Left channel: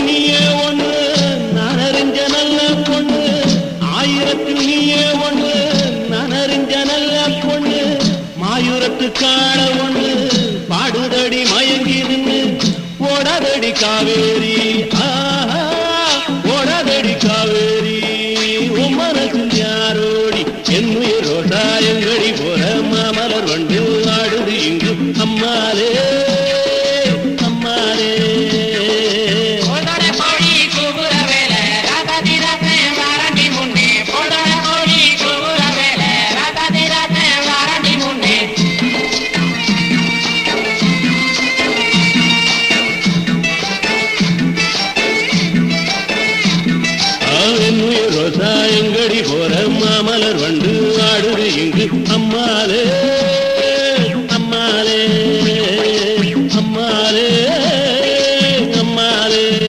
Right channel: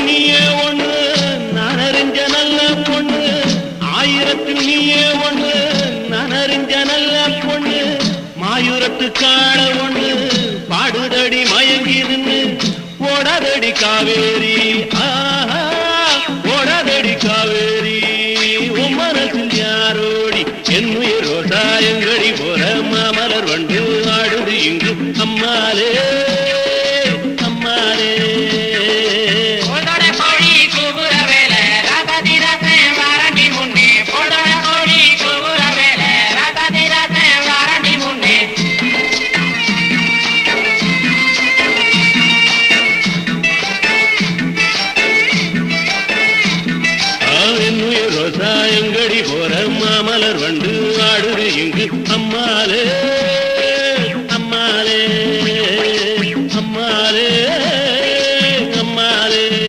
நீயே ஒன்று நான் அறிஞ்ச நல்ல பொண்ணு, ஆயிரத்தில் நீயே ஒன்று நான் அறிஞ்ச நல்ல பொண்ணு, மாயூரத்து காண ஒண்ணு பாடுதடி மயங்கிருந்து ஓடாதடி காவேரி, ஓடாதடி காவேரி. உன் மனசில் யாரோடி என்னுயிர் ரோசாயங்கடி போற மாமலர் வண்டு ஆடுது இங்கு அம்மாலே அம்மாலே. ரோசாயங்கடி போற மாமலர் வண்டு